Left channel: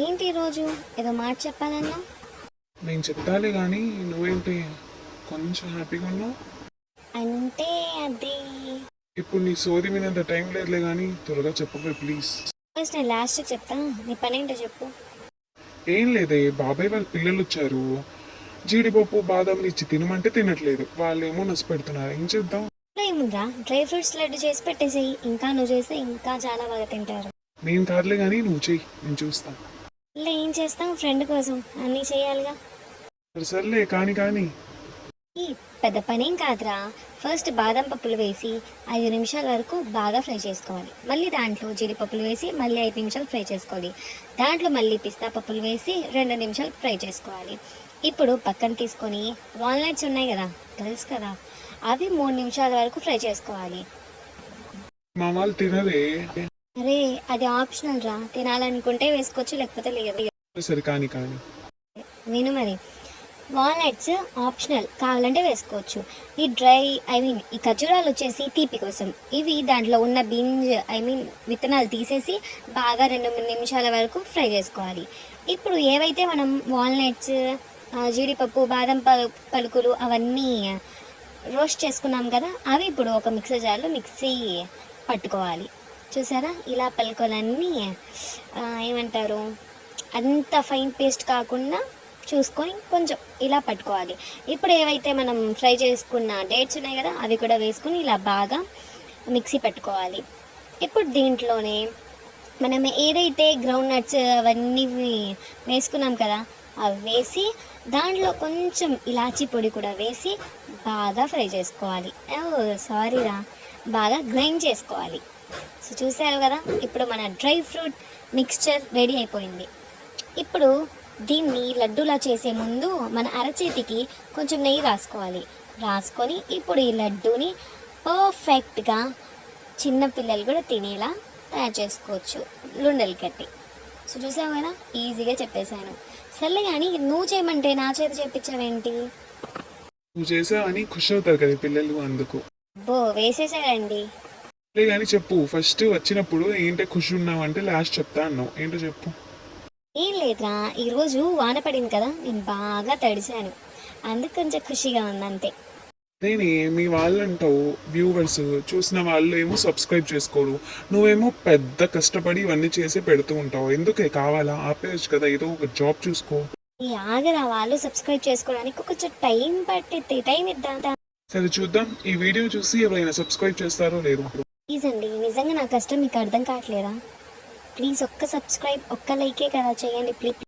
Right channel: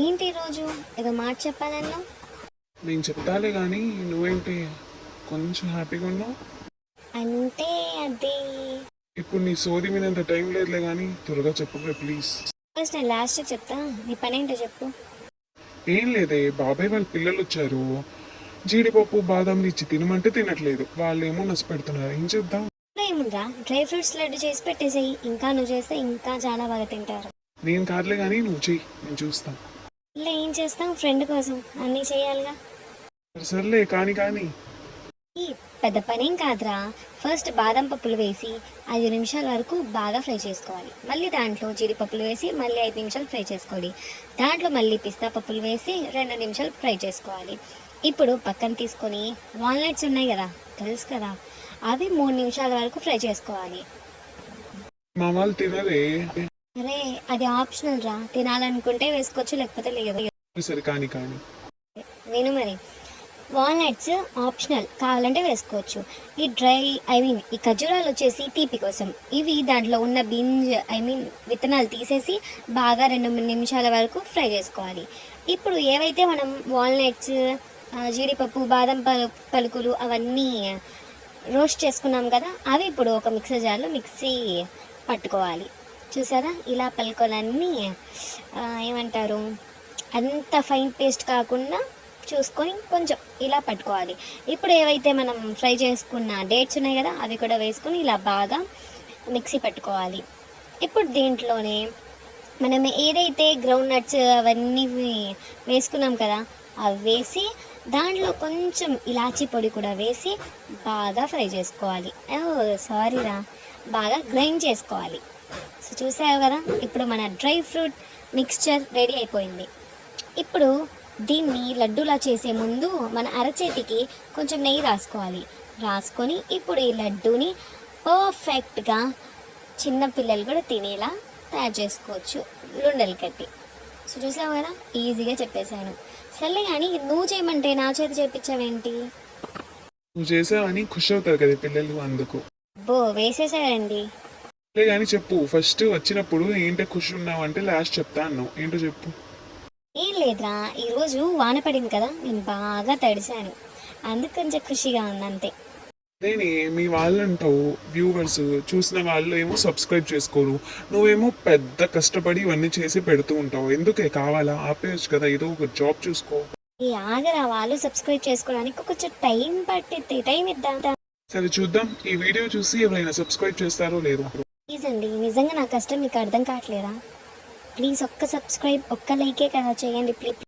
ఏంటి రోజు ఏదో మాట చెప్పాలన్నా? నేను చెప్పాలి కానీ నువ్వేంటి కొంచెం హ్యాపీగా ఉన్నావు? అంటే అది ఇప్పుడు నీ సోది మీద అంత టైం లేదులే కానీ త్వరగా చెప్పవే ప్లీజ్. ఫస్ట్ నేను లాస్ట్ చెప్తా, నీ పని ఏంటో చెప్పు. ఏం లేదే, బాబాయ్ వాళ్ళ పిల్లలు వచ్చారు. జీడిపప్పు బాదాంలు ఇచ్చి తినమంటే తినట్లేదు, వాళ్ళు ఏమో నసి పెడుతున్నారు. ఏం చేద్దాం? ఏముందా, డ్రై ఫ్రూట్స్ లడ్డు చేసి పెట్టేసేయి. ఇంకా నువ్వు చేస్తే ఇంకా చాలా బాగా తింటారు. నేను కాదులే కానీ నువ్వు చెయ్యి, నేను చూస్తాను. ఇలా ఏం చేస్తాం, ఫ్రెండ్ కోసం అన్నీ చేయాలిగా. సర్లే కానీ కానీ ఈ పెద్ద పనేం కాదురా. ఫస్ట్ బాదం పప్పులు వేసి 5 నిమిషాల వరకు బాగా ఫ్రై చేసుకోవాలి. మళ్ళీ దాంట్లో జీడిపప్పులు వేసి మళ్ళీ 5 నిమిషాలు ఫ్రై చేసుకోవాలి. దాంట్లో మళ్ళీ పిస్తా పప్పులు వేసి 2 నిమిషాలు ఫ్రై చేసుకోవాలి. ఇప్పుడు పక్కన తీసుకొని వాల్నట్స్ ఉన్నాయి కదా, తెలుసు కదా, అవి 3 నిమిషాల వరకు ఫ్రై చేసుకోవాలి. మా వాళ్ళు తినరే. అరే అది ఆప్షనల్ రా, తినాలనుకుంటే వేసుకోవచ్చు లేకపోతే లేదు. సరే కానీ కానీ నేను మరి వాల్నట్స్ ఆప్షనల్, కావాలంటే వేసుకోవచ్చు. ఈ ఈ ఖర్జూరాలు వచ్చేసి తీపి కోసం. ఇవి దాంట్లో ఉన్న విత్తనాలు తీసేసి బాగా 2-3 నిమిషాల వరకు ఫ్రై చేసుకోవాలి. ఇప్పుడు ఏవైతే మనం వాల్నట్స్, జీడిపప్పు, బాదం పలుకులు అవన్నీ రోస్ట్ చేసుకున్నాం కదా, అవి ఇప్పుడు ఒక మిక్సర్ జార్లో మిక్సీ పట్టుకోవాలి. చూసారా, ఇలా పలుకులన్నీ ఏమంటారు, అంత ఫైన్ పేస్ట్ కాకుండా చూసుకొని కొంచెం ఇలా పట్టుకోవాలి. ఇప్పుడు ఏవైతే మనం ఫ్రై చేసుకున్న డేట్స్ ఉన్నాయి కదా, అవి కూడా వేసుకొని ఇలా బాగా మిక్సీ పెట్టుకోవాలి. ఇప్పుడు దీంట్లోనే మనం ఏదైతే గ్రౌండ్ నట్స్ అవన్నీ వేసుకున్నాం కదా, అవి వేసి దాంట్లో కొంచెం ఇలాచీ పొడి కూడా వేసి బాగా ఫ్రై చేసుకోవాలి. సారీరా, బాగా గ్రైండ్ చేసుకోవాలి. సో చూసావు కదా, ఇప్పుడు మన డ్రై ఫ్రూట్ మిక్స్చర్ రెడీ అయిపోయింది. ఇప్పుడు దీన్ని లడ్డూలా చేసే ముందు మన అరచేతికి కొంచెం నెయ్యి రాసుకొని ఇప్పుడు ఈ లడ్డూని పర్ఫెక్ట్గా చిన్నపిల్లలు కూడా తినేలా తయారు చేసుకోవచ్చు, లుండలు కట్టి. సో చూసావు కదా, ఈజీగా చెప్పేశాను. సర్లే కానీ నువ్వు చేయమంటే నా చేతి చేపించావేంటి? నువ్వు చేసావని ఖుషి అవుతారు కదా పిల్లలు, అందుకు. వేసేసాడండి. కానీ చెప్పు, ఫస్ట్ వచ్చినప్పుడు ఏంటో ఖుషి ఉన్నావు అంటే లాస్ట్ చెప్తా అన్నావు, ఏంటో చెప్పు. ఏం లేదురా, ఈరోజు వాన పడింది కదా, నేను బాగా తడిశాను, అందుకు కొంచెం ఖుషిగా ఉంది అంతే. నేనే మీ వాళ్ళు అంటావు, వ్యూవర్స్ చూసిన వాళ్ళు ఏమో సబ్స్క్రైబ్ చేసుకోరు, నువ్వేమో పెద్ద కష్టపడి ఇవన్నీ చేసి పెడుతూ ఉంటావు. ఎందుకే కావాలా? ఆపేయచ్చు కదా, ఏదో ఒక జాబ్ చూసుకో. ఈ ఆగరా, వాళ్ళు సబ్స్క్రైబ్ చేసుకోవడానికి కొంచెం టైం పట్టిద్ది, టైం ఇద్దాం. సరే చూద్దాం, ఈ వీడియో చూసి ఎవరైనా సబ్స్క్రైబ్ చేస్తారో లేదో. ప్లీజ్ అండి, నిజంగా నా కష్టం మీకు అర్థం కావట్లేదా? ప్లీజ్ ఒక్క సబ్స్క్రైబ్, ఒక్క లైకే కదా చేయండి ప్లీజ్.